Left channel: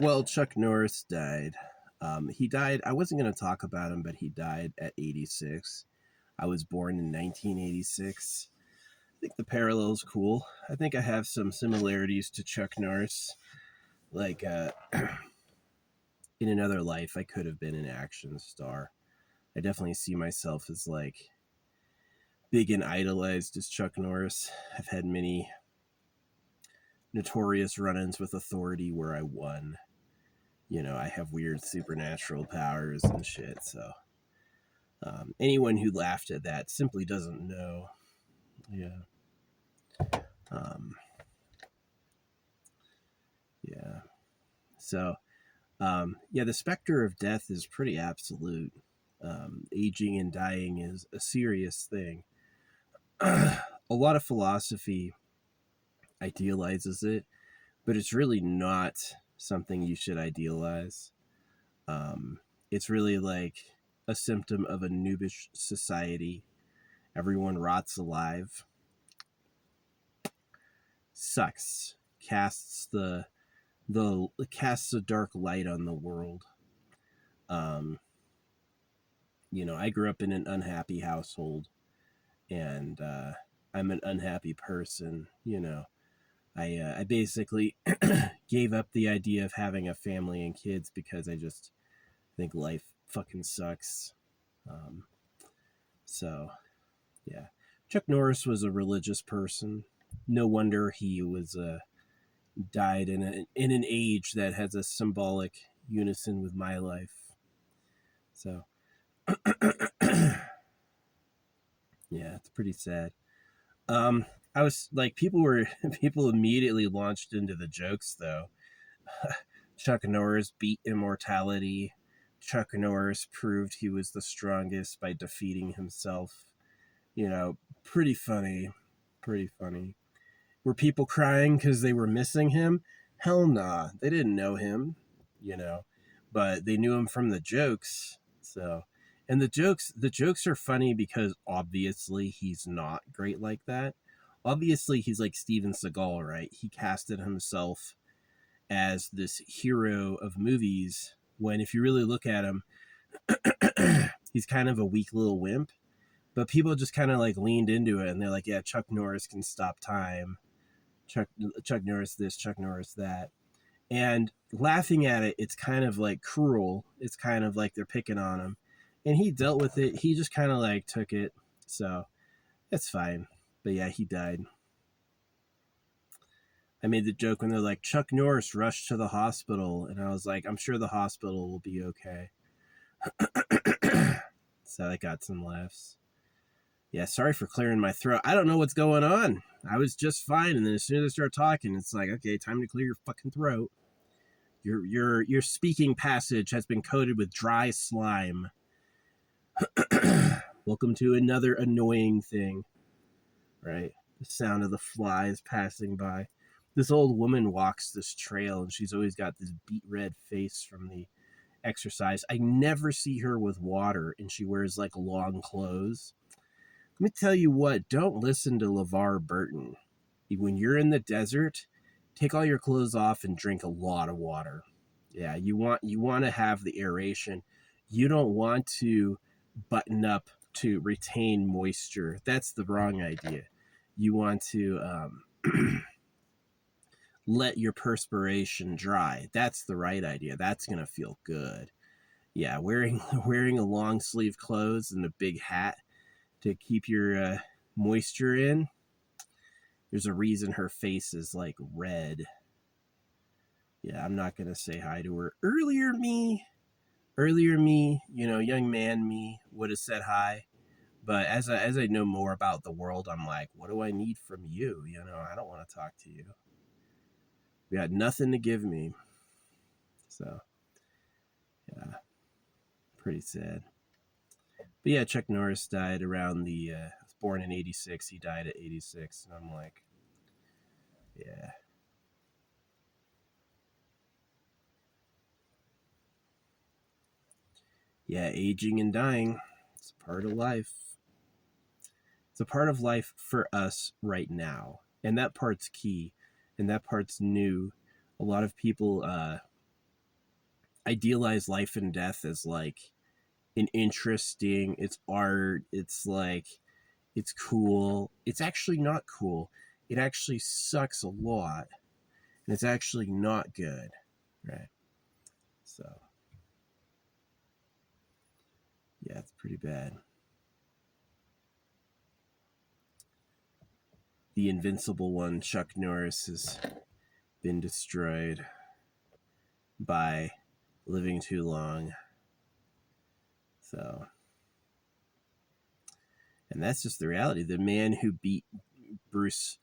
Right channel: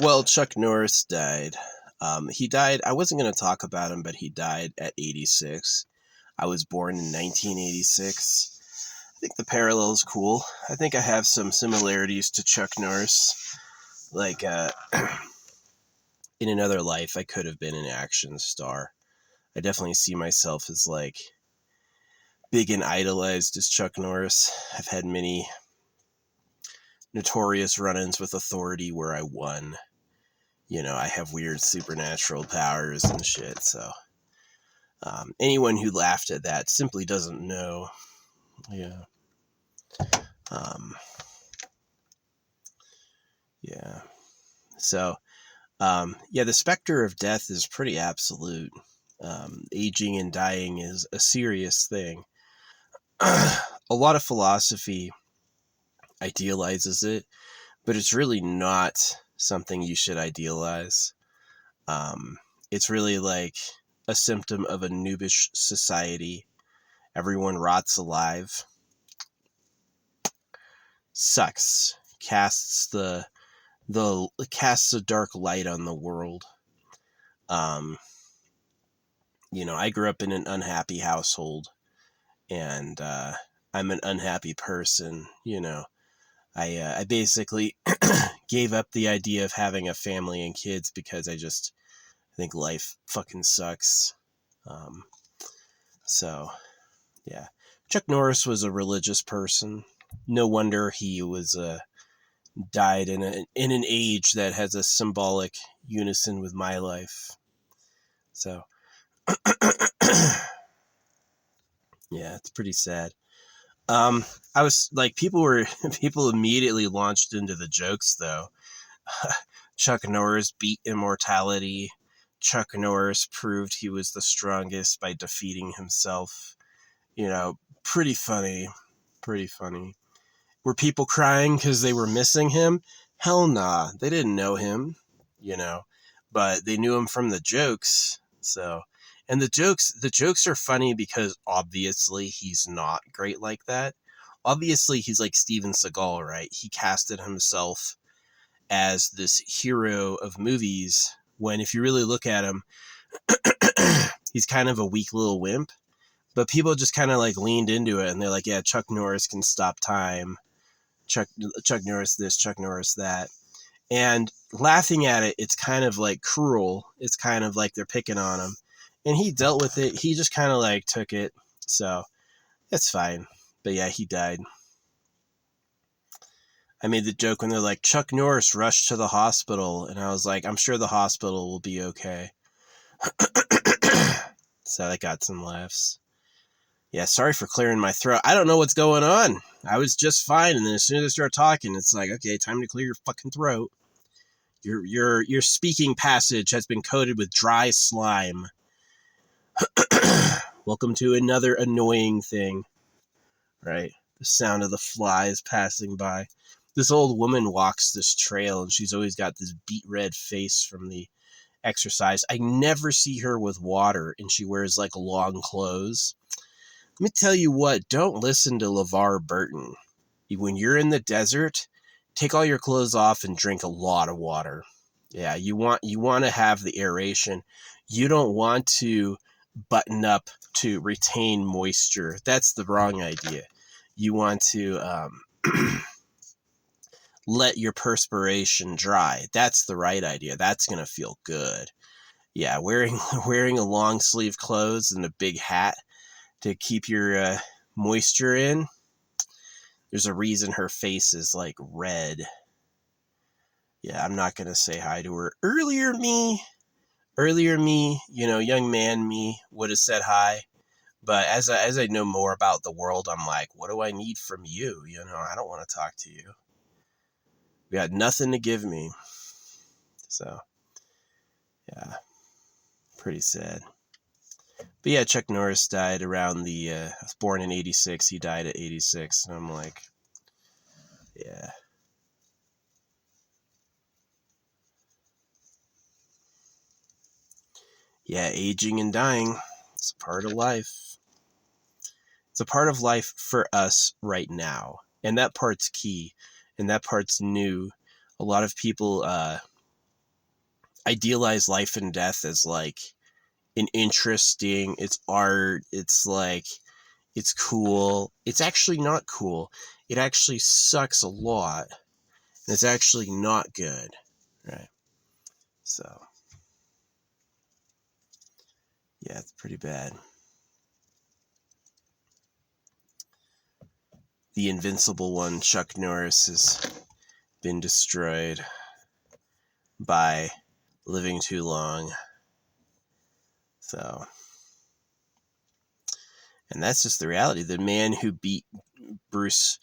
Well, Chuck Norris died. He died. I wasn't going to talk about him, but he died at 86. I was born in 1986. I think the parallel is cool. I think I have some similarities to Chuck Norris. Like, in another life, I could have been an action star. I definitely see myself as like big and idolized as Chuck Norris. I've had many notorious run-ins with authority where I won. You know, I have weird supernatural powers and shit. So anyone who laughed at that simply doesn't know. Yeah. Um, yeah. So, yeah, the specter of death is pretty absolute. Aging and dying is a serious thing. A lot of philosophy idealizes it, but it's really not something you should idealize. It's really like a symptom of a noobish society. Everyone rots alive. Sucks. Casts a dark light on the world. Um, I grew up in an unhappy household, and I'm an unhappy person. I basically gave up the idea of having a family and kids because I think life fucking sucks. Um, so yeah, Chuck Norris was a religious person. No wonder he was died in an age that has a symbolic unison with my life. So yeah, it's pretty sad. I was like, people immediately launched into the jokes though. Chuck Norris beat immortality. Chuck Norris proved he was the strongest by defeating himself. Pretty funny. Pretty funny. Were people crying because they were missing him? Hell nah. They didn't know him, but they knew him from the jokes. So, and the jokes are funny because obviously he's not great like that. Obviously he's like Steven Seagal, right? He casted himself as this hero of movies when if you really look at him, he's kind of a weak little wimp. But people just kind of like leaned into it and they're like, yeah, Chuck Norris can stop time. Chuck Norris this, Chuck Norris that. And laughing at it, it's kind of like cruel. It's kind of like they're picking on him. And he dealt with it. He just kind of like took it. So that's fine. But yeah, he died. I made the joke when they're like, Chuck Norris rushed to the hospital. And I was like, I'm sure the hospital will be okay. So I got some laughs. Yeah, sorry for clearing my throat. I don't know what's going on. I was just fine, and then as soon as I start talking, it's like, okay, time to clear your fucking throat. Your speaking passage has been coated with dry slime. Welcome to another annoying thing. Right? The sound of the flies passing by. This old woman walks this trail, and she's always got this beet red face from the exercise. I never see her with water, and she wears like long clothes. Let me tell you what, don't listen to LeVar Burton. When you're in the desert, take all your clothes off and drink a lot of water. Yeah, you want to have the aeration. You don't want to button up to retain moisture. That's the wrong idea. You want to let your perspiration dry. That's the right idea. That's going to feel good. Yeah, wearing a long sleeve clothes and a big hat to keep your moisture in. There's a reason her face is like red. Yeah, I'm not going to say hi to her. Earlier me, young man me would have said hi. But as I know more about the world, I'm like, what do I need from you? I don't want to talk to you. You got nothing to give me. So, yeah, pretty sad. But yeah, Chuck Norris died around I was born in 86. He died at 86. And I'm like, yeah. Yeah, aging and dying. It's a part of life. It's a part of life for us right now. And that part's key. And that part's new. A lot of people idealize life and death as like an interesting, it's art, it's like, it's cool. It's actually not cool. It actually sucks a lot. And it's actually not good. Right. So, yeah, it's pretty bad. The invincible one, Chuck Norris, has been destroyed by living too long. So, and that's just the reality. The man who beat Bruce,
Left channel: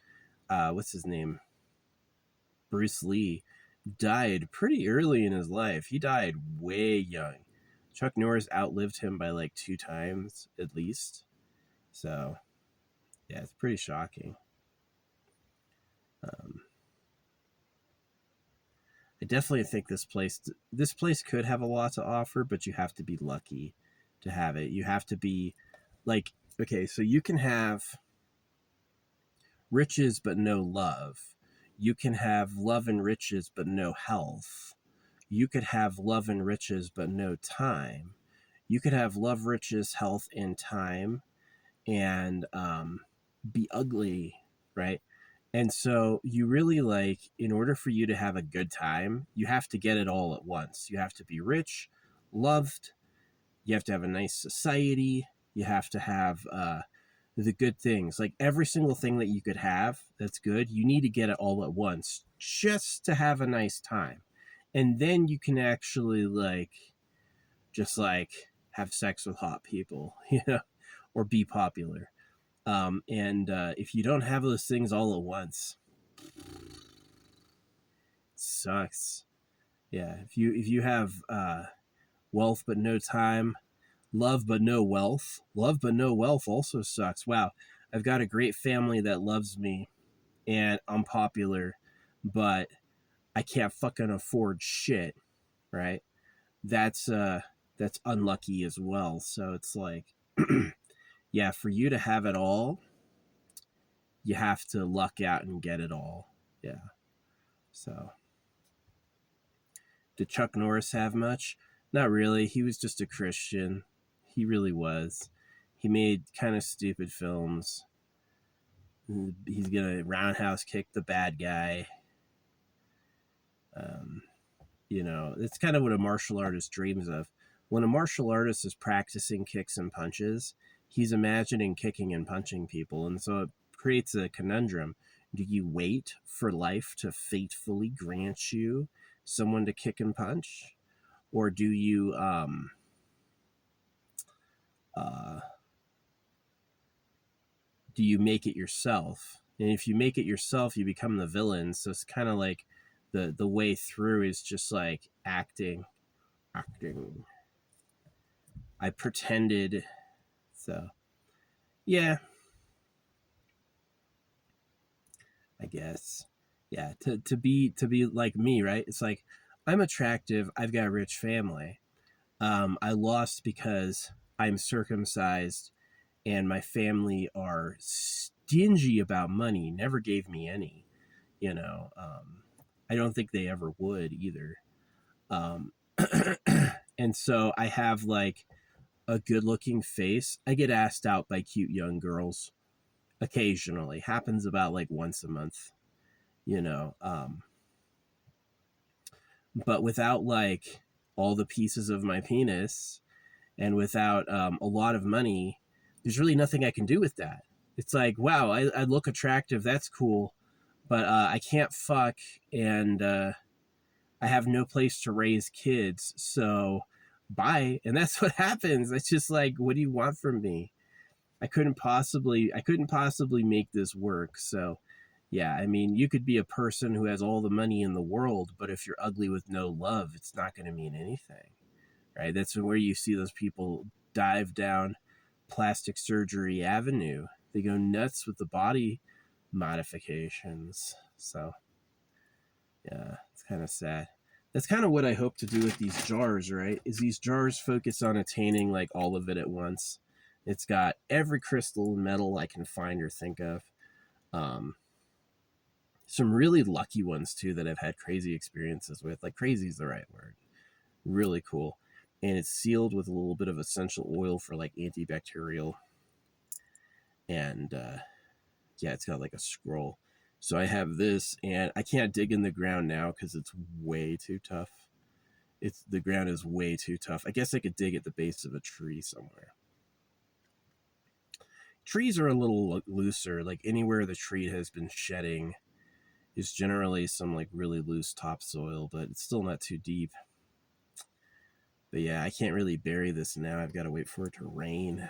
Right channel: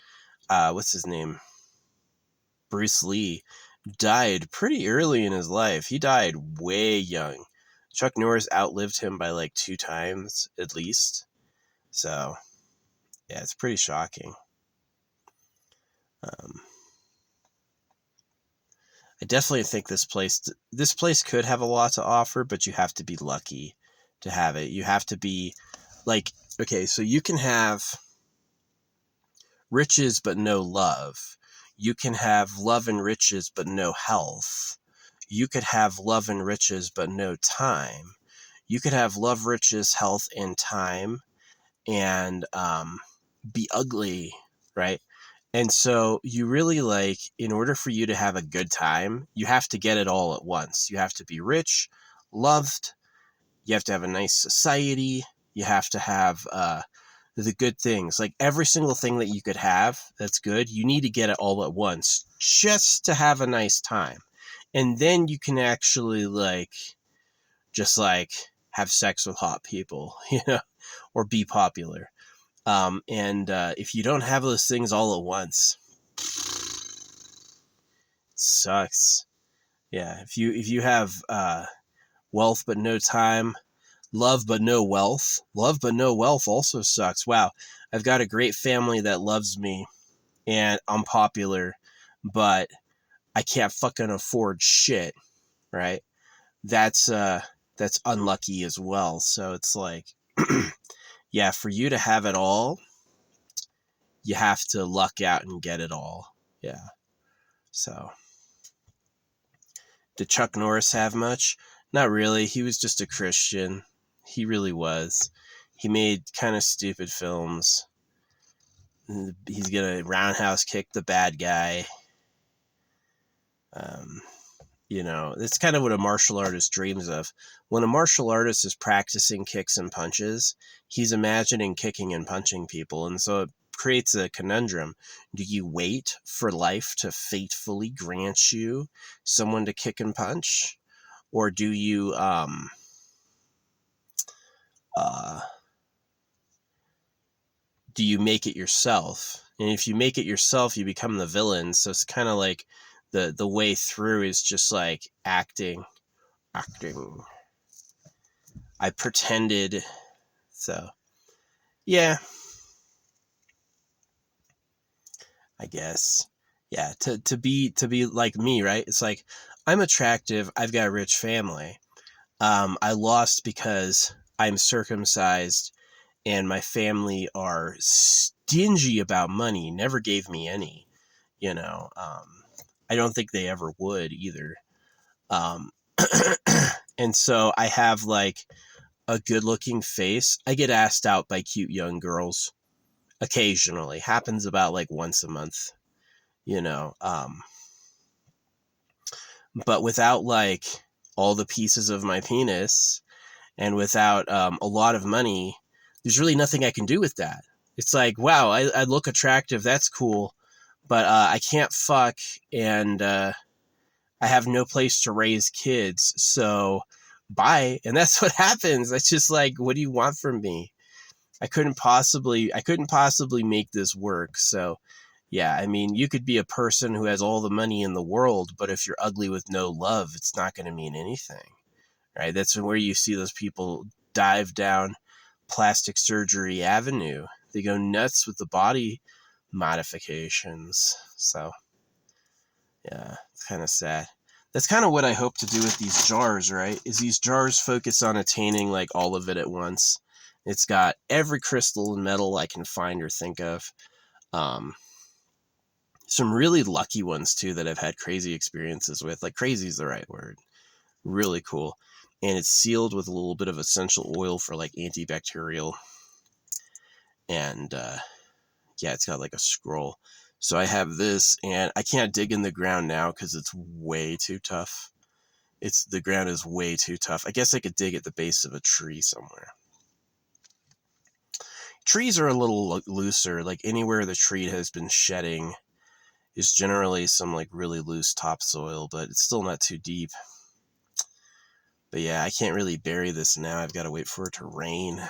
what's his name? Bruce Lee, died pretty early in his life. He died way young. Chuck Norris outlived him by like 2 times at least. So, yeah, it's pretty shocking. I definitely think this place could have a lot to offer, but you have to be lucky to have it. You have to be like, okay, so you can have riches but no love. You can have love and riches but no health. You could have love and riches but no time. You could have love, riches, health, and time, and be ugly, right? And so you really like, in order for you to have a good time, you have to get it all at once. You have to be rich, loved, you have to have a nice society, you have to have the good things. Like every single thing that you could have that's good, you need to get it all at once just to have a nice time. And then you can actually like, just like have sex with hot people, you know, or be popular. And if you don't have those things all at once, it sucks. Yeah, if you have wealth but no time, love but no wealth, love but no wealth also sucks. Wow, I've got a great family that loves me, and I'm popular, but I can't fucking afford shit, right? That's unlucky as well. So it's like, yeah, for you to have it all, you have to luck out and get it all. Yeah. So, did Chuck Norris have much? Not really. He was just a Christian. He really was. He made kind of stupid films. He's gonna roundhouse kick the bad guy. Um, it's kind of what a martial artist dreams of. When a martial artist is practicing kicks and punches, he's imagining kicking and punching people. And so it creates a conundrum. Do you wait for life to fatefully grant you someone to kick and punch? Or do you uh, do you make it yourself? And if you make it yourself, you become the villain. So it's kind of like the way through is just like acting. I pretended. So yeah, I guess. Yeah, to be like me, right? It's like, I'm attractive, I've got a rich family. I lost because I'm circumcised and my family are stingy about money, never gave me any, you know. I don't think they ever would either. Um, and so I have like a good looking face. I get asked out by cute young girls occasionally, happens about like once a month, you know. But without like all the pieces of my penis and without a lot of money, there's really nothing I can do with that. It's like, wow, I look attractive, that's cool, but I can't fuck, and I have no place to raise kids, so bye. And that's what happens. It's just like, what do you want from me? I couldn't possibly make this work. So yeah, I mean, you could be a person who has all the money in the world, but if you're ugly with no love, it's not going to mean anything, right? That's where you see those people dive down plastic surgery avenue. They go nuts with the body modifications. So yeah, it's kind of sad. That's kind of what I hope to do with these jars, right? Is these jars focus on attaining like all of it at once. It's got every crystal and metal I can find or think of. Um, some really lucky ones too that I've had crazy experiences with. Like, crazy is the right word. Really cool. And it's sealed with a little bit of essential oil for like antibacterial. And yeah, it's got like a scroll. So I have this, and I can't dig in the ground now because it's way too tough. The ground is way too tough. I guess I could dig at the base of a tree somewhere. Trees are a little looser. Like anywhere the tree has been shedding is generally some like really loose topsoil, but it's still not too deep. But yeah, I can't really bury this now. I've got to wait for it to rain.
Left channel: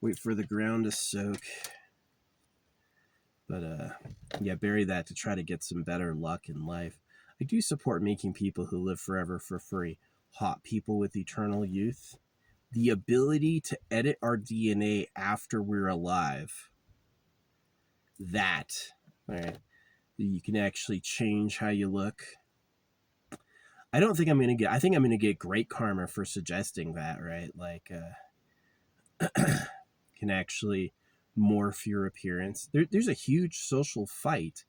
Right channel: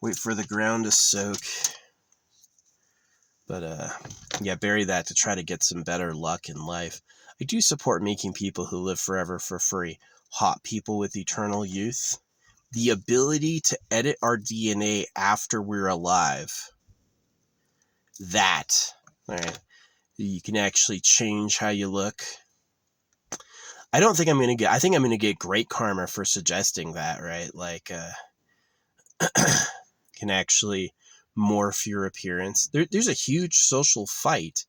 Wait for the ground to soak. But yeah, bury that to try to get some better luck in life. I do support making people who live forever for free hot people with eternal youth. The ability to edit our DNA after we're alive. That, right? You can actually change how you look. I don't think I'm going to get, I think I'm going to get great karma for suggesting that, right? Like, can actually morph your appearance. There's a huge social fight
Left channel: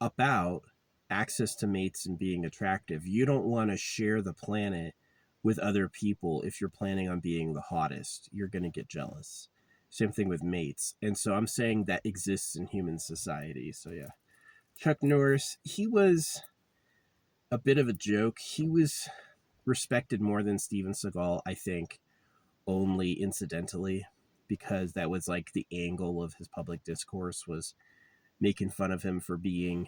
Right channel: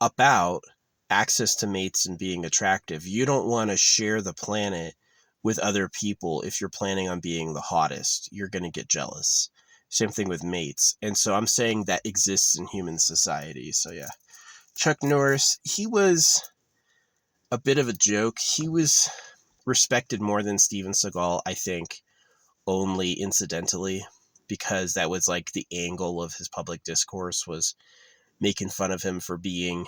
about access to mates and being attractive. You don't want to share the planet with other people if you're planning on being the hottest. You're going to get jealous. Same thing with mates. And so I'm saying that exists in human society. So yeah, Chuck Norris, he was a bit of a joke. He was respected more than Steven Seagal, I think, only incidentally, because that was like the angle of his public discourse, was making fun of him for being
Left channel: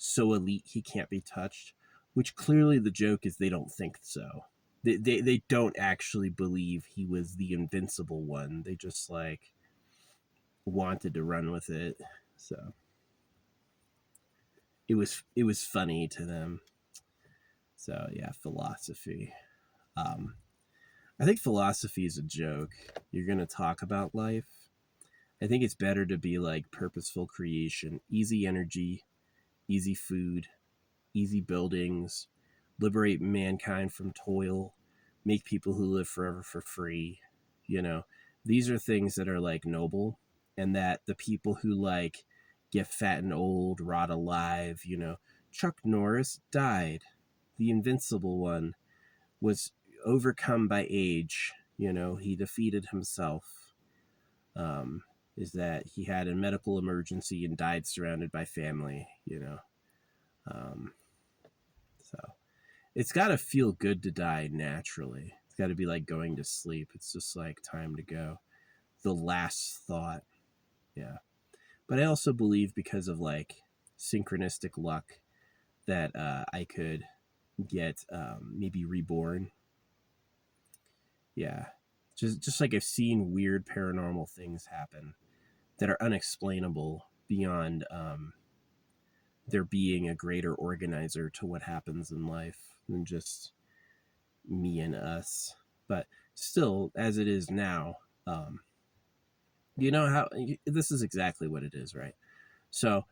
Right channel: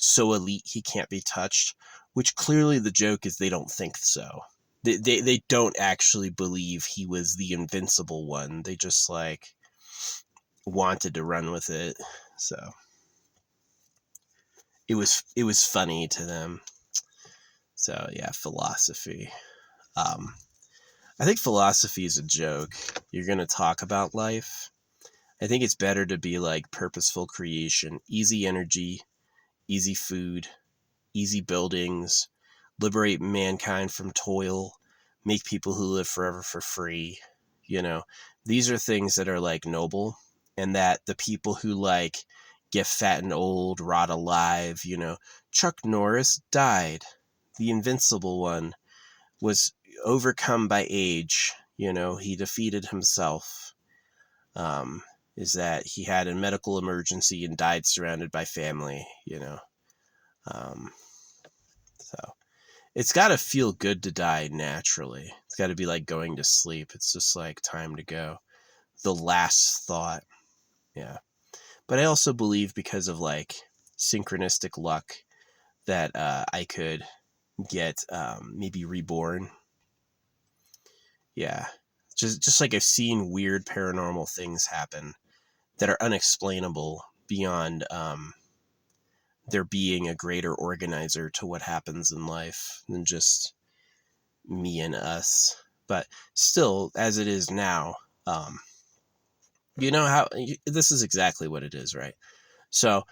so elite he can't be touched, which clearly the joke is they don't think so. They don't actually believe he was the invincible one. They just like wanted to run with it. So it was funny to them. So yeah, philosophy. I think philosophy is a joke. You're going to talk about life. I think it's better to be like purposeful creation, easy energy, easy food, easy buildings, liberate mankind from toil, make people who live forever for free. You know, these are things that are like noble, and that the people who like get fat and old, rot alive, you know, Chuck Norris died. The invincible one was overcome by age. You know, he defeated himself. Is that he had a medical emergency and died surrounded by family, you know. So it's got to feel good to die naturally. It's got to be like going to sleep. It's just like time to go. The last thought. Yeah. But I also believe, because of like synchronistic luck, that I could get maybe reborn. Yeah. Just like I've seen weird paranormal things happen that are unexplainable beyond there being a greater organizer to what happens in life than just me and us. But still, as it is now, you know how this is exactly what it is, right? So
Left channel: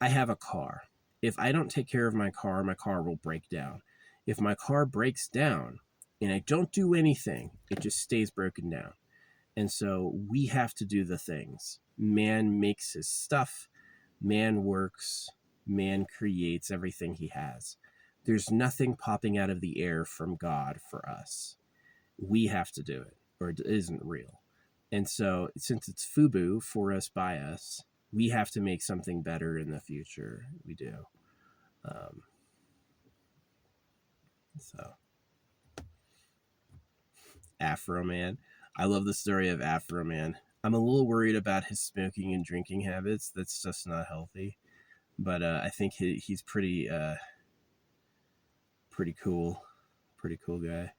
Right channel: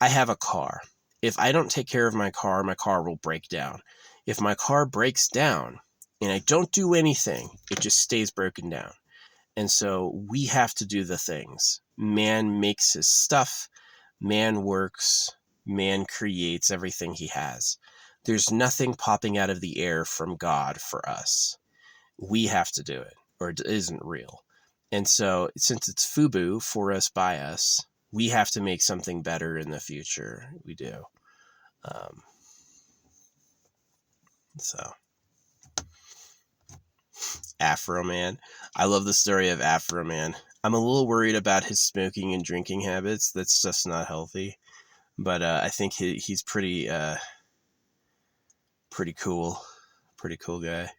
I have a car. If I don't take care of my car will break down. If my car breaks down and I don't do anything, it just stays broken down. And so we have to do the things. Man makes his stuff, man works, man creates everything he has. There's nothing popping out of the air from God for us. We have to do it, or it isn't real. And so since it's FUBU, for us, by us, we have to make something better in the future. We do. So Afro Man. I love the story of Afro Man. I'm a little worried about his smoking and drinking habits. That's just not healthy. But I think he's pretty cool. Pretty cool guy.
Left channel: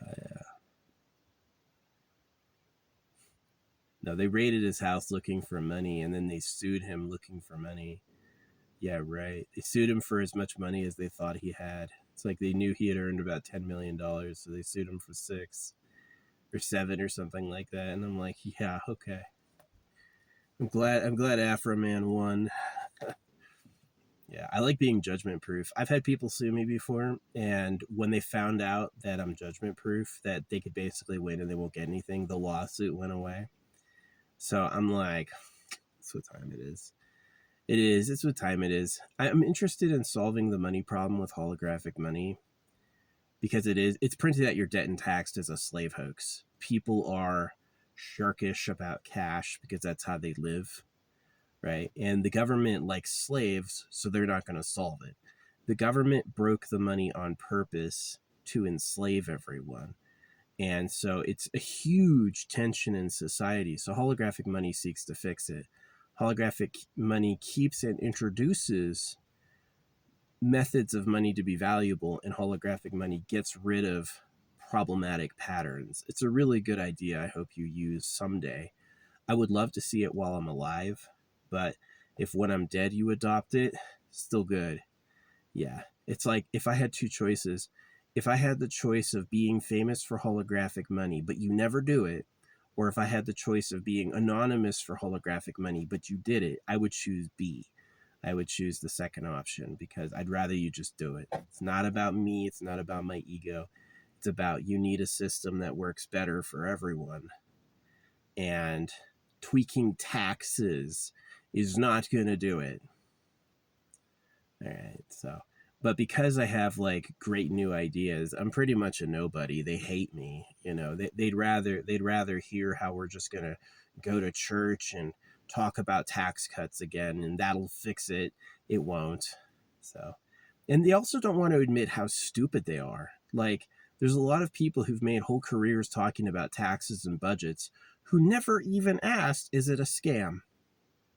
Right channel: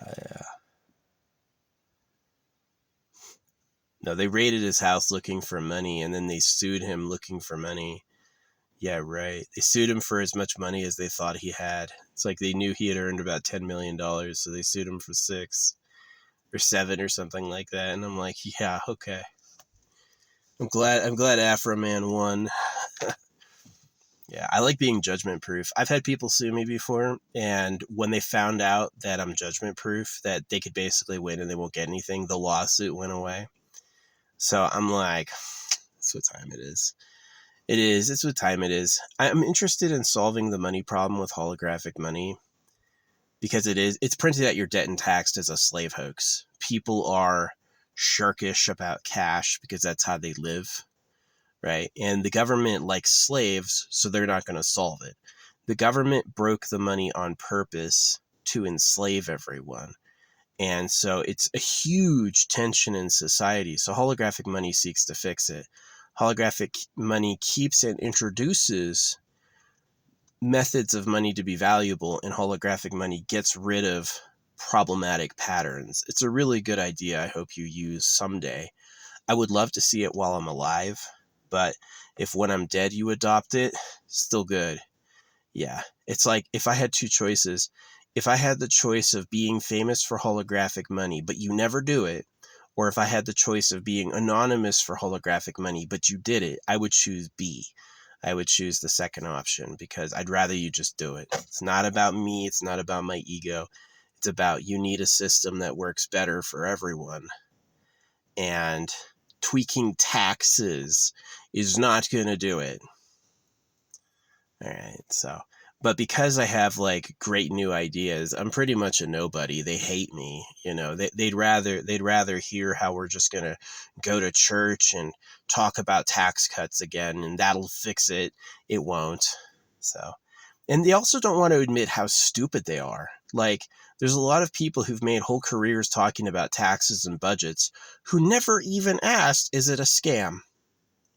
Yeah. No, they raided his house looking for money, and then they sued him looking for money. Yeah, right. They sued him for as much money as they thought he had. It's like they knew he had earned about $10 million, so they sued him for 6 or 7 or something like that. And I'm like, yeah, okay. I'm glad Afro Man won. Yeah, I like being judgment proof. I've had people sue me before, and when they found out that I'm judgment proof, that they could basically win and they won't get anything, the lawsuit went away. So I'm like, that's what time it is. It is. It's what time it is. I'm interested in solving the money problem with holographic money because it's printed at your debt and taxed as a slave hoax. People are sharkish about cash because that's how they live, right? And the government likes slaves, so they're not going to solve it. The government broke the money on purpose to enslave everyone. And so it's a huge tension in society. So holographic money seeks to fix it. Holographic money keeps and introduces methods of money to be valuable, and holographic money gets rid of problematic patterns. It's a really good idea I hope you use someday. I would love to see it while I'm alive, but if when I'm dead you adopt it, still good. Yeah, it's like if I had two choices. If I had the choice of being famous for holographic money, but you never do it, or if I had the choice of being anonymous for holographic money, but you did it, I would choose B. I would choose the second option because I'd rather you just do it. It's not about me. It's not about my ego. It's about you need a system that works better for everyone. And tweaking taxes is not going to do it. All right, so, but because I have like great new ideas, I'm pretty much a nobody. They hate me, you know. They'd rather hear how we're just gonna go to church and talk about tax cuts again, and that'll fix it. It won't. So, and they also don't want to admit how stupid they are. Like, there's a lot of people who've made whole careers talking about taxes and budgets who never even asked, "Is it a scam?"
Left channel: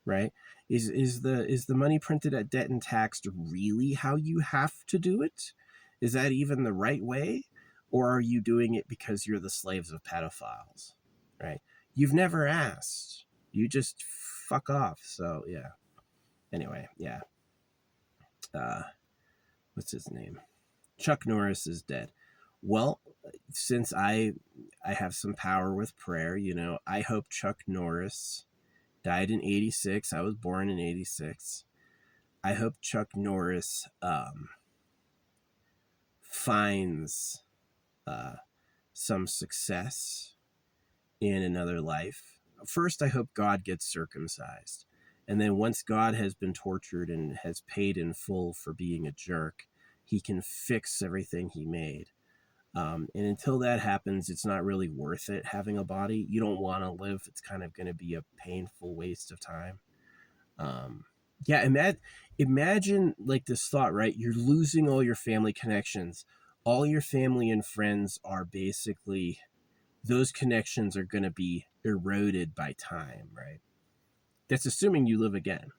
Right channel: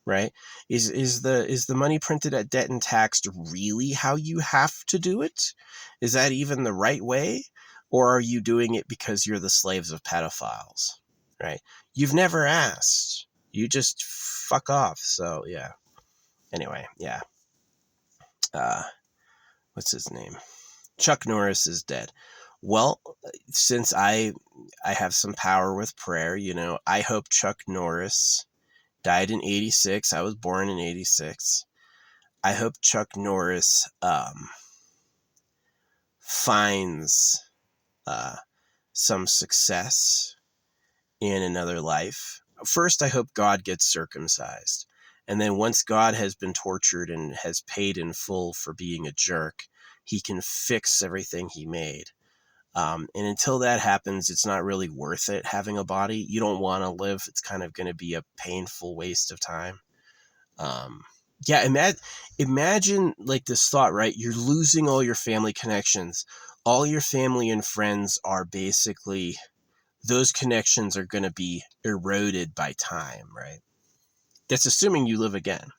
Right? Is the money printed at debt and taxed really how you have to do it? Is that even the right way? Or are you doing it because you're the slaves of pedophiles? Right? You've never asked. You just fuck off. So yeah. Anyway, yeah. What's his name? Chuck Norris is dead. Well, since I have some power with prayer, you know, I hope Chuck Norris died in 86. I was born in 86. I hope Chuck Norris finds some success in another life. First, I hope God gets circumcised. And then once God has been tortured and has paid in full for being a jerk, he can fix everything he made. And until that happens, it's not really worth it having a body. You don't want to live. It's kind of going to be a painful waste of time. Yeah, imagine like this thought, right? You're losing all your family connections. All your family and friends are basically, those connections are going to be eroded by time, right? That's assuming you live again.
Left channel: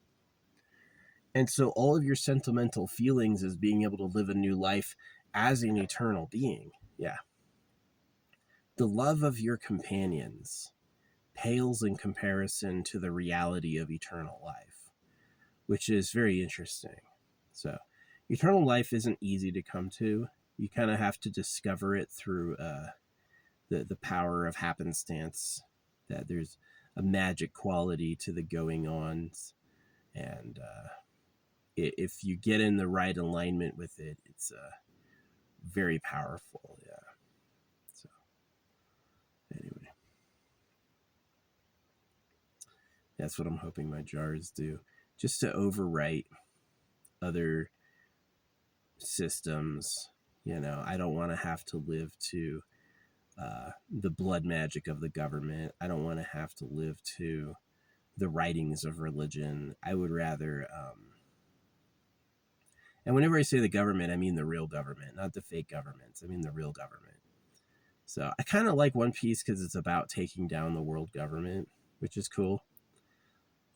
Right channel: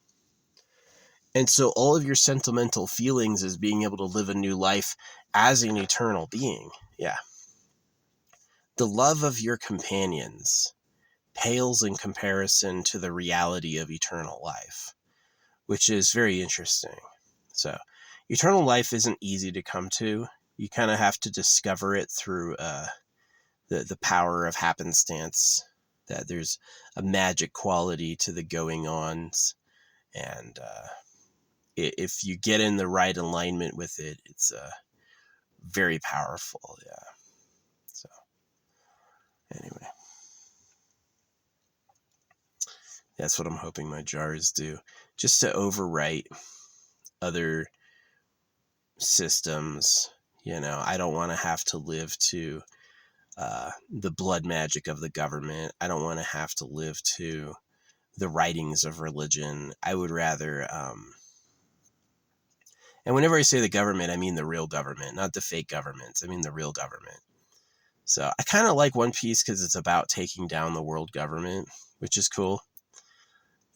And so all of your sentimental feelings is being able to live a new life as an eternal being. Yeah. The love of your companions pales in comparison to the reality of eternal life, which is very interesting. So eternal life isn't easy to come to. You kind of have to discover it through the power of happenstance, that there's a magic quality to the going ons. And if you get in the right alignment with it, it's very powerful. Yeah. So anyway, that's what I'm hoping my jars do, just to overwrite other systems. You know, I don't want to have to live to the blood magic of the government. I don't want to have to live to the writings of religion. I would rather, and whenever I say the government, I mean the real government, not the fake governments. I mean the real government. So I kind of like One Piece because it's about taking down the world government, which is cool.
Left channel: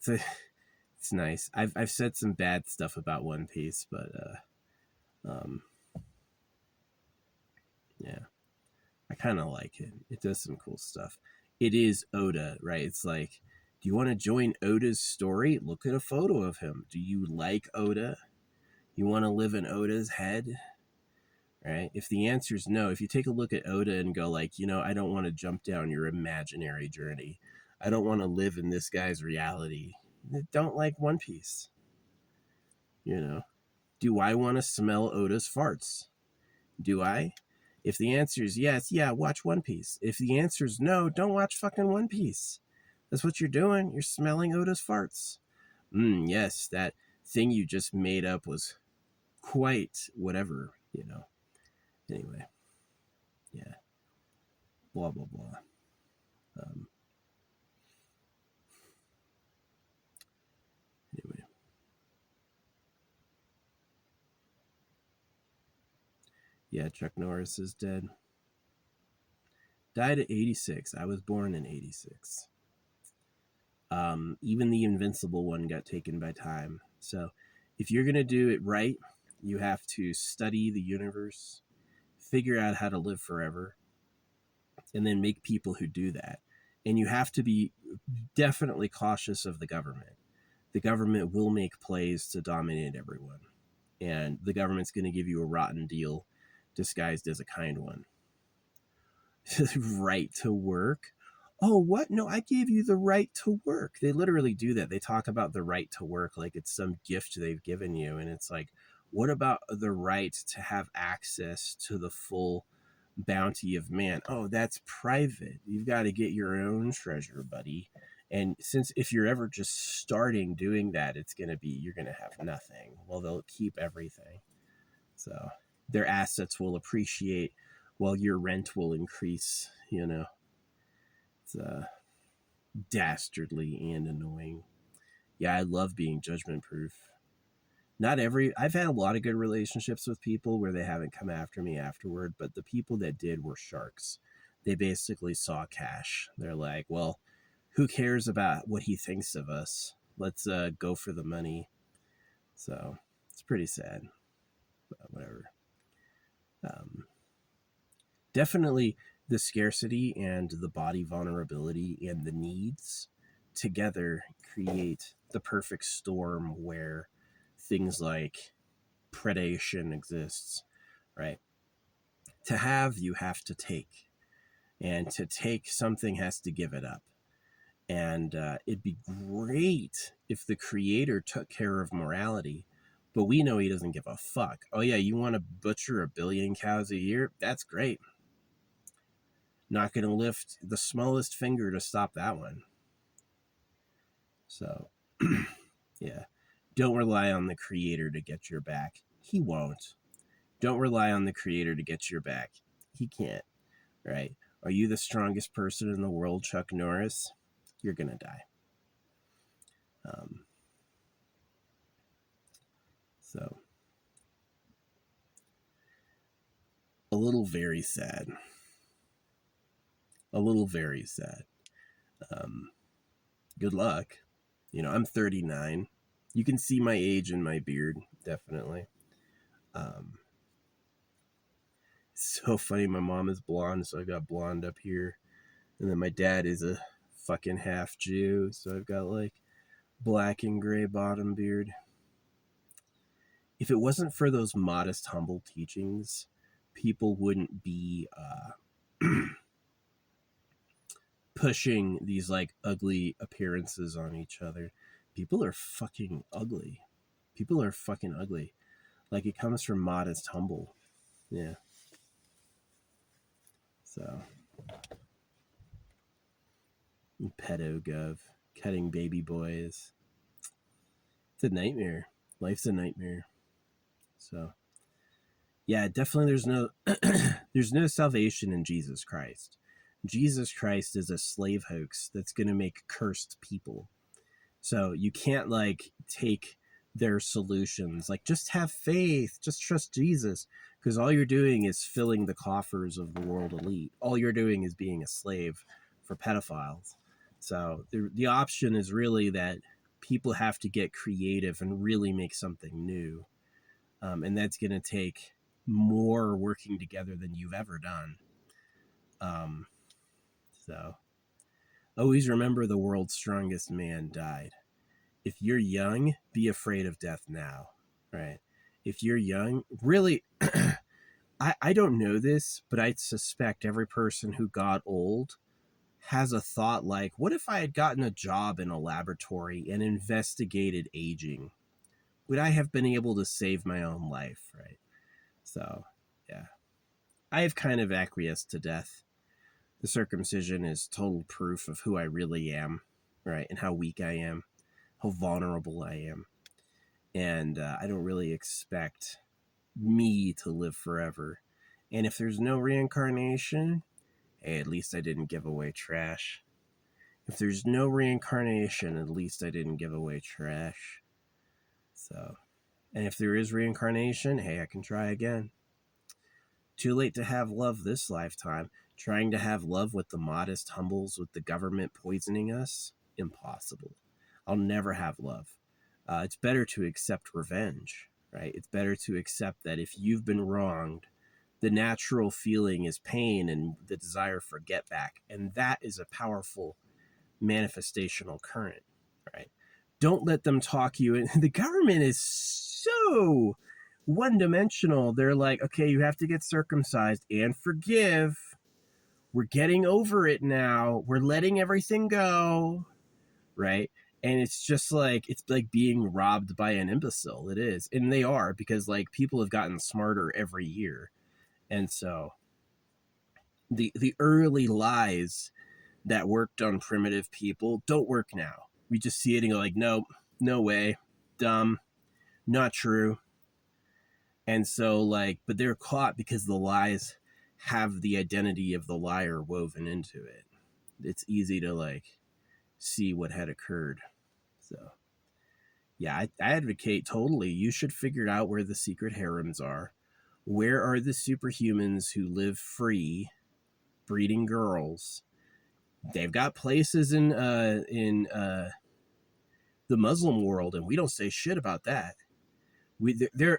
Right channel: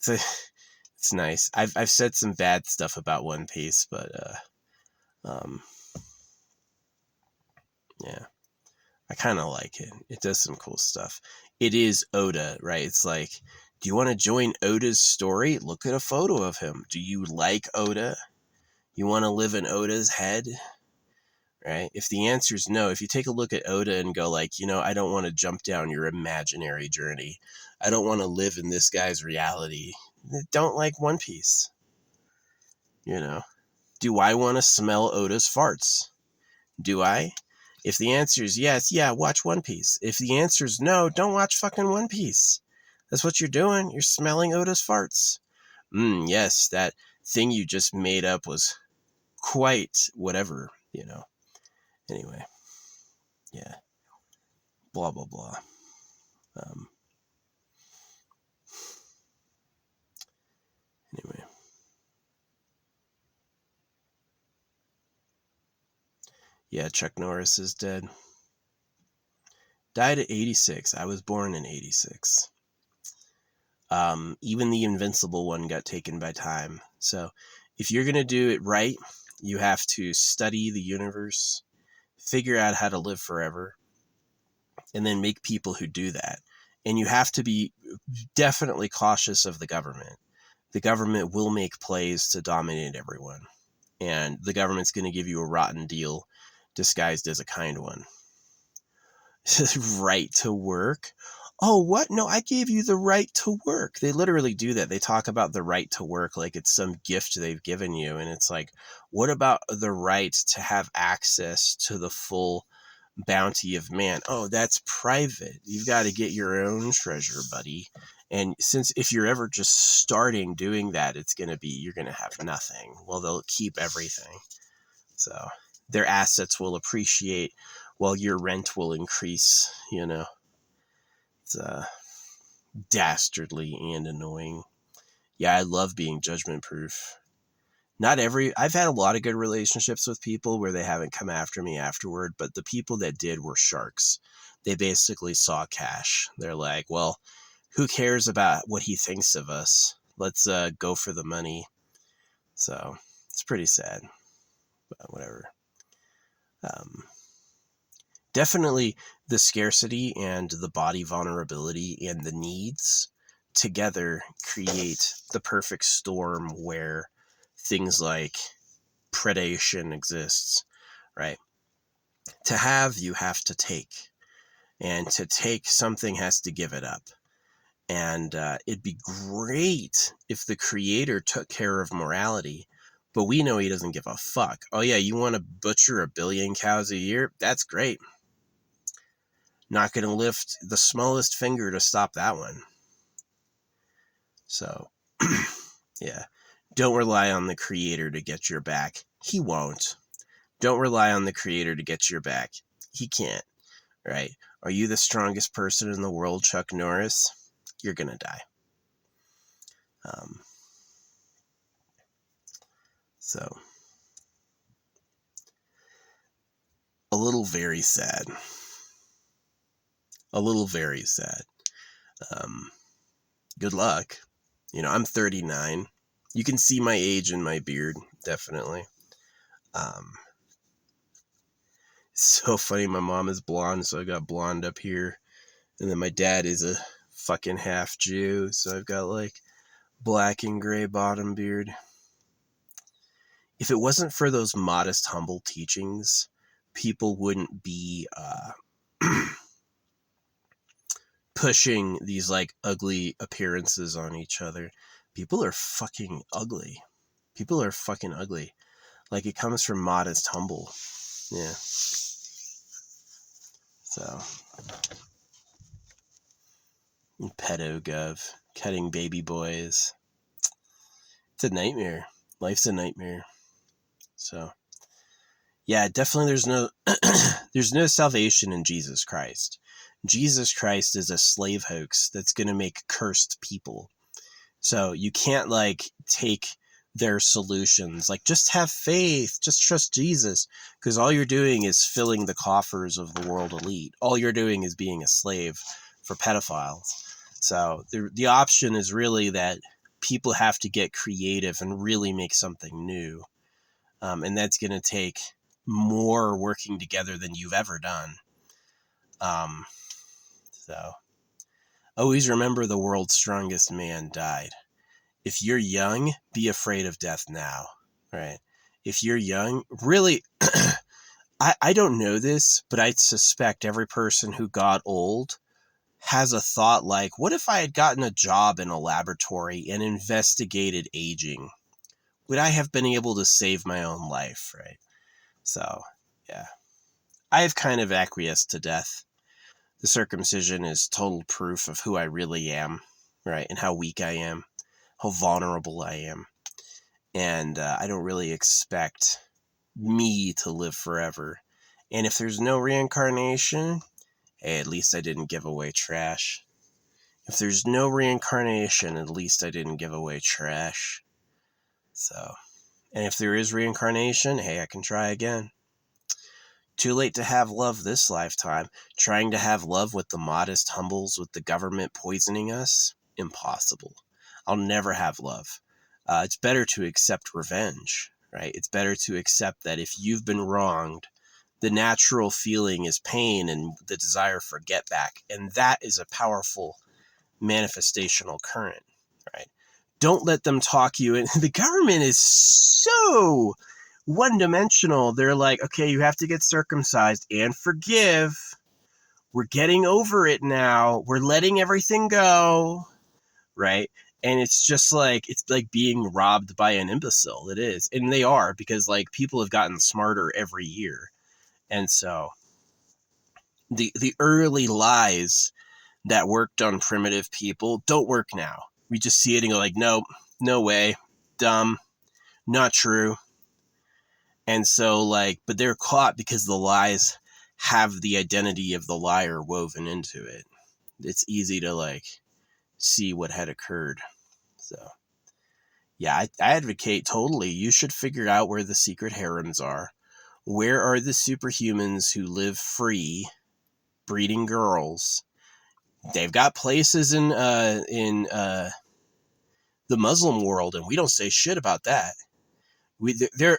It's nice. I've said some bad stuff about One Piece, but yeah, I kind of like it. It does some cool stuff. It is Oda, right? It's like, do you want to join Oda's story? Look at a photo of him. Do you like Oda? You want to live in Oda's head? Right? If the answer is no, if you take a look at Oda and go like, you know, I don't want to jump down your imaginary journey. I don't want to live in this guy's reality. Don't like One Piece. You know, do I want to smell Oda's farts? Do I? If the answer is yes, yeah, watch One Piece. If the answer is no, don't watch fucking One Piece. That's what you're doing. You're smelling Oda's farts. Yes, that thing you just made up was quite whatever, you know. Anyway, yeah, blah, blah, blah. Um, anyway. Yeah, Chuck Norris is dead. Died at 86. I was born in 86. Even the Invincible one got taken by time. So if you're going to do it right, you have to study the universe, figure out how to live forever, and then make people who do that. And you have to be definitely cautious of the government. The government will make plays to dominate everyone. And the government's going to give you a rotten deal disguised as a kind one. Right to work. Oh, what? No, I gave you the right to work. They literally do that. They talk about the right to work like it's some gift they've given you. And it's like, what about the right to have access to the full bounty of man? Oh, that's private. You've got to get your own treasure, buddy. And since if you're ever just starting doing that, it's going to be, you're going to have nothing. Well, they'll keep everything. So their assets will appreciate while your rent will increase, you know. It's dastardly and annoying. Yeah, I love being judgment proof. I've had a lot of good relationships with people where they haven't come after me afterward, but the people that did were sharks. They basically saw cash. They're like, well, who cares about what he thinks of us? Let's go for the money. So it's pretty sad, but whatever. Definitely the scarcity and the body vulnerability and the needs together create the perfect storm where things like predation exists, right? To have, you have to take. And to take, something has to give it up. And it'd be great if the creator took care of morality, but we know he doesn't give a fuck. Oh yeah, you want to butcher 1 billion cows a year? That's great. Not going to lift the smallest finger to stop that one. So, yeah. Don't rely on the creator to get your back. He won't. Don't rely on the creator to get your back. He can't, right? Are you the strongest person in the world, Chuck Norris? You're going to die. So, a little very sad. A little very sad. Good luck. You know, I'm 39. You can see my age in my beard, definitely. So funny. My mom is blonde, so I got blonde up here. And then my dad is a fucking half Jew, so I've got like black and gray bottom beard. If it wasn't for those modest, humble teachings, people wouldn't be pushing these like ugly appearances on each other. People are fucking ugly. People are fucking ugly. Like, it comes from modest, humble. Yeah. So, pedo gov, cutting baby boys. It's a nightmare. Life's a nightmare. So, yeah, definitely there's no salvation in Jesus Christ. Jesus Christ is a slave hoax that's going to make cursed people. So you can't like take their solutions, like just have faith, just trust Jesus, because all you're doing is filling the coffers of the world elite. All you're doing is being a slave for pedophiles. So the option is really that people have to get creative and really make something new. And that's going to take more working together than you've ever done. So always remember, the world's strongest man died. If you're young, be afraid of death now, right? If you're young, really, I don't know this, but I suspect every person who got old has a thought like, what if I had gotten a job in a laboratory and investigated aging? Would I have been able to save my own life, right? So, yeah. I have kind of acquiesced to death. The circumcision is total proof of who I really am, right? And how weak I am. how vulnerable I am. And I don't really expect me to live forever. And if there's no reincarnation, hey, at least I didn't give away trash. If there's no reincarnation, at least I didn't give away trash. So, and if there is reincarnation, hey, I can try again. Too late to have love this lifetime. Trying to have love with the modest humbles with the government poisoning us? Impossible. I'll never have love. It's better to accept revenge, right? It's better to accept that if you've been wronged, the natural feeling is pain and the desire for get back. And that is a powerful manifestational current, right? Don't let them talk you. And the government is so one-dimensional. They're like, okay, you have to get circumcised and forgive. We're getting over it now. We're letting everything go, right? And it's like being robbed by an imbecile. It is. And they are, because like people have gotten smarter every year. And so the early lies that worked on primitive people don't work now. We just see it and go like, nope, no way, dumb, not true. And so like, but they're caught because the lies have the identity of the liar woven into it. It's easy to like see what had occurred. So yeah, I advocate totally. You should figure out where the secret harems are. Where are the superhumans who live free, breeding girls? They've got places in the Muslim world, and we don't say shit about that. There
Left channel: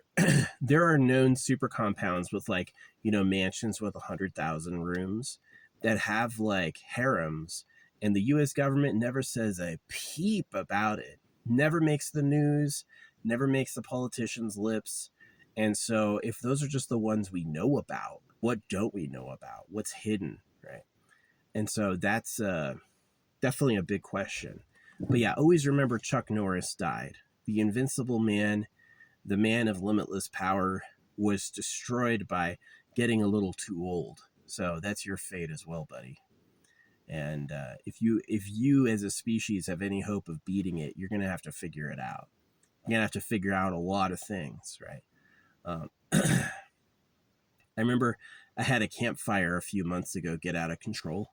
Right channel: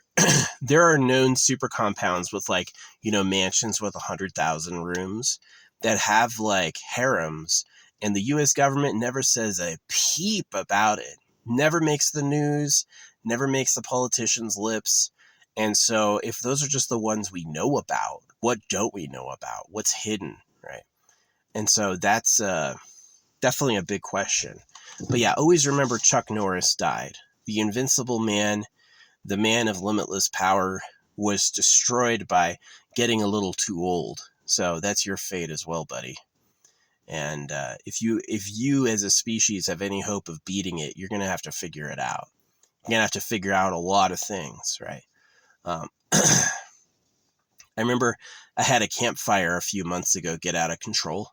there are known super compounds with like, you know, mansions with 100,000 rooms that have like harems, and the U.S. government never says a peep about it. Never makes the news, never makes the politicians' lips. And so if those are just the ones we know about, what don't we know about? What's hidden, right? And so that's definitely a big question. But yeah, always remember Chuck Norris died. The invincible man, the man of limitless power, was destroyed by getting a little too old. So that's your fate as well, buddy. And if you as a species have any hope of beating it, you're going to have to figure it out. You're going to have to figure out a lot of things, right? I remember I had a campfire a few months ago get out of control.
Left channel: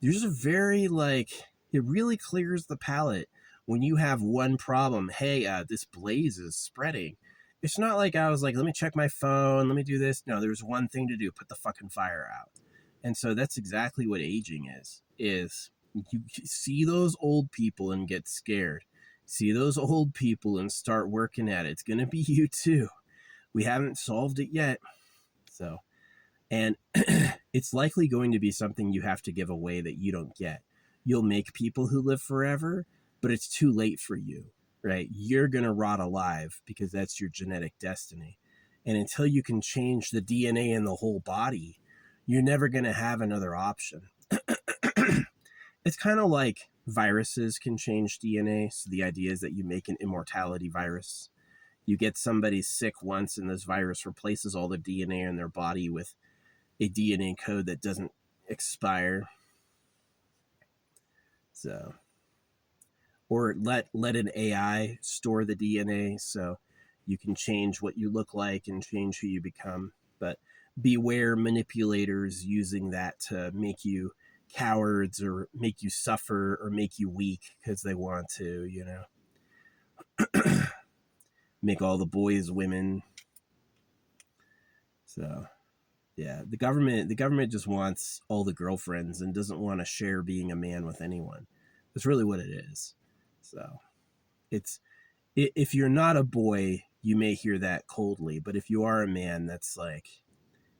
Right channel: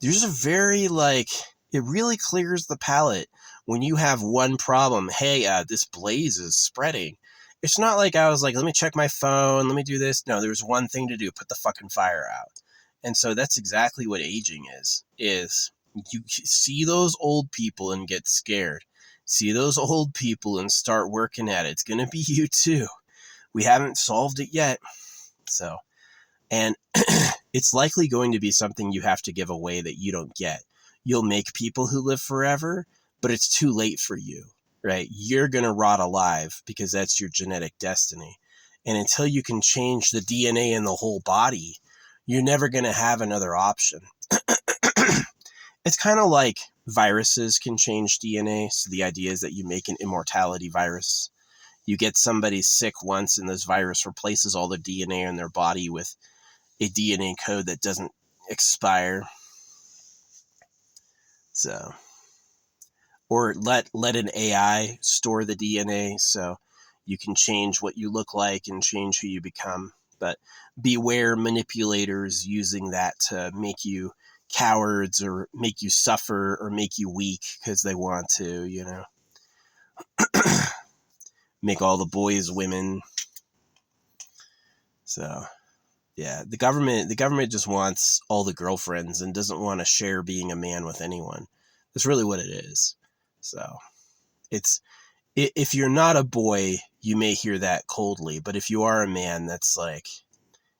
There's a very like, it really clears the palate when you have one problem. Hey, this blaze is spreading. It's not like I was like, let me check my phone, let me do this. No, there's one thing to do, put the fucking fire out. And so that's exactly what aging is you see those old people and get scared. See those old people and start working at it. It's going to be you too. We haven't solved it yet. So, and it's likely going to be something you have to give away that you don't get. You'll make people who live forever, but it's too late for you, right? You're going to rot alive because that's your genetic destiny. And until you can change the DNA in the whole body, you're never going to have another option. It's kind of like viruses can change DNA. So the idea is that you make an immortality virus. You get somebody sick once and this virus replaces all the DNA in their body with a DNA code that doesn't expire. So, or let an AI store the DNA so you can change what you look like and change who you become. But beware manipulators using that to make you cowards or make you suffer or make you weak because they want to, you know, make all the boys women. So yeah, the government just wants all the girlfriends and doesn't want to share being a man with anyone. That's really what it is. So it's, if you're not a boy, you may hear that coldly, but if you are a man, that's like,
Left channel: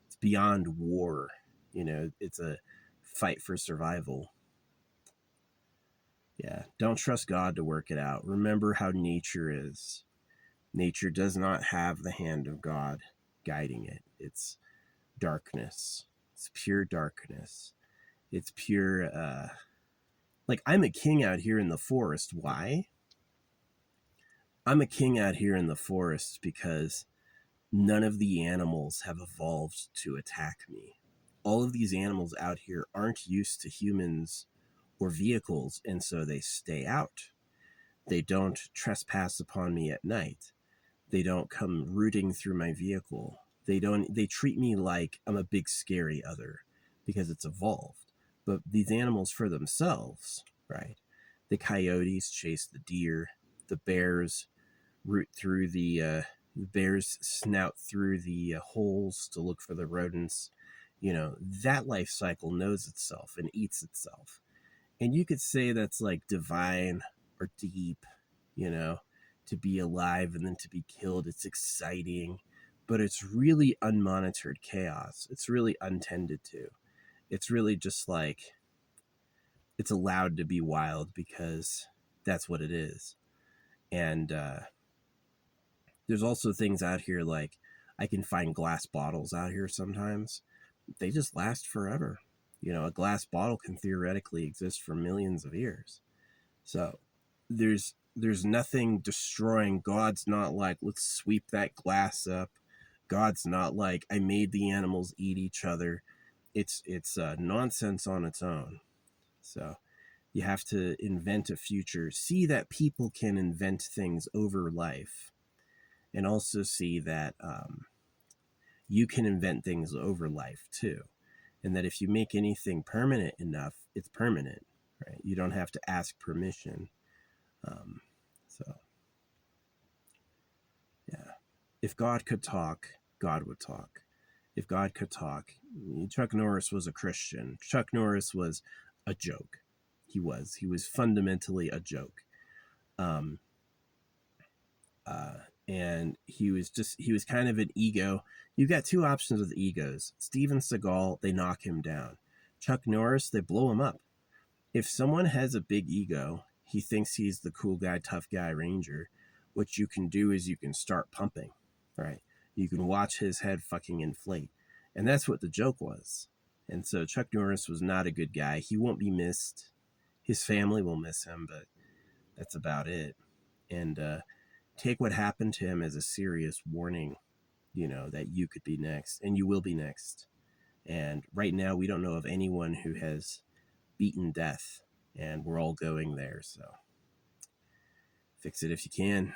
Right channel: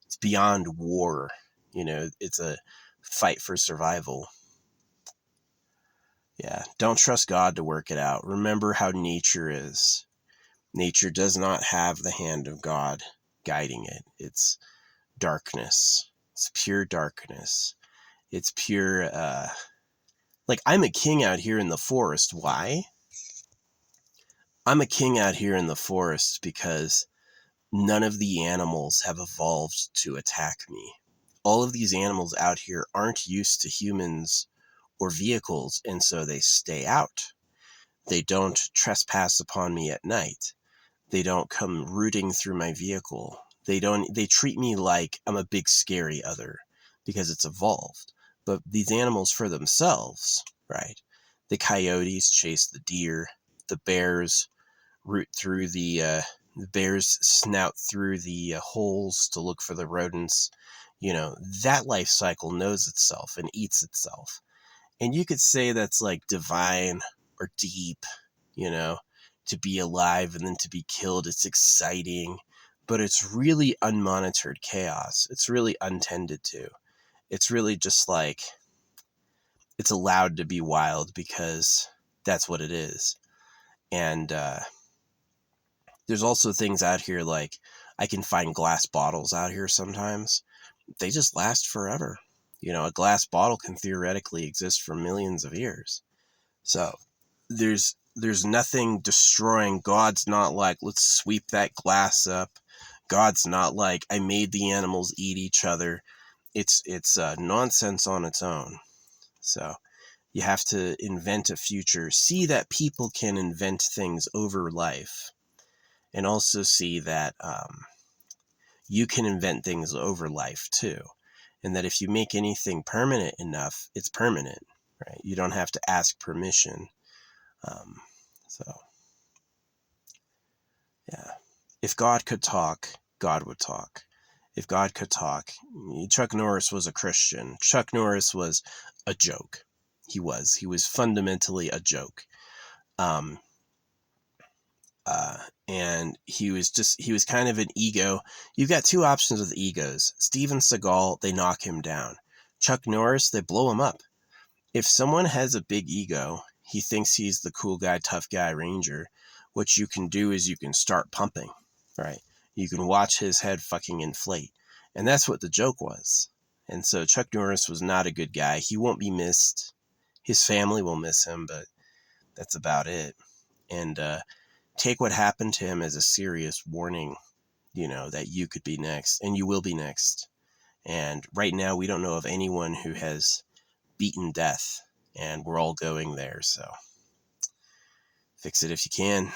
it's beyond war. You know, it's a fight for survival. Yeah, don't trust God to work it out. Remember how nature is. Nature does not have the hand of God guiding it. It's darkness. It's pure darkness. It's pure, like I'm a king out here in the forest. Why? I'm a king out here in the forest because none of the animals have evolved to attack me. All of these animals out here aren't used to humans or vehicles, and so they stay out. They don't trespass upon me at night. They don't come rooting through my vehicle. They treat me like I'm a big scary other because it's evolved. But these animals for themselves, right? The coyotes chase the deer. The bears root through the bears snout through the holes to look for the rodents. That life cycle knows itself and eats itself. And you could say that's like divine or deep, you know, to be alive and then to be killed. It's exciting, but it's really unmonitored chaos. It's really untended to. It's really just like it's allowed to be wild because that's what it is. And there's also things out here like I can find glass bottles out here sometimes. They just last forever. A glass bottle can theoretically exist for millions of years. So there's nothing destroying. God's not like, let's sweep that glass up. God's not like, I made the animals eat each other. It's nonsense on its own. So you have to invent a future, see that people can invent things over life, and also see that you can invent things over life too. And that if you make anything permanent enough, it's permanent, right? You don't have to ask permission. So, yeah. If God could talk, God would talk. If God could talk, Chuck Norris was a Christian. Chuck Norris was a joke. He was fundamentally a joke. And he was kind of an ego. You've got two options with egos. Steven Seagal, they knock him down. Chuck Norris, they blow him up. If someone has a big ego, he thinks he's the cool guy, tough guy, ranger. What you can do is you can start pumping, right? You can watch his head fucking inflate. And that's what the joke was. And so Chuck Norris was not a good guy. He won't be missed. His family will miss him, but that's about it. And take what happened to him as a serious warning, that you could be next and you will be next. And right now we don't know of anyone who has beaten death, and we're all going there. So fix it if you can.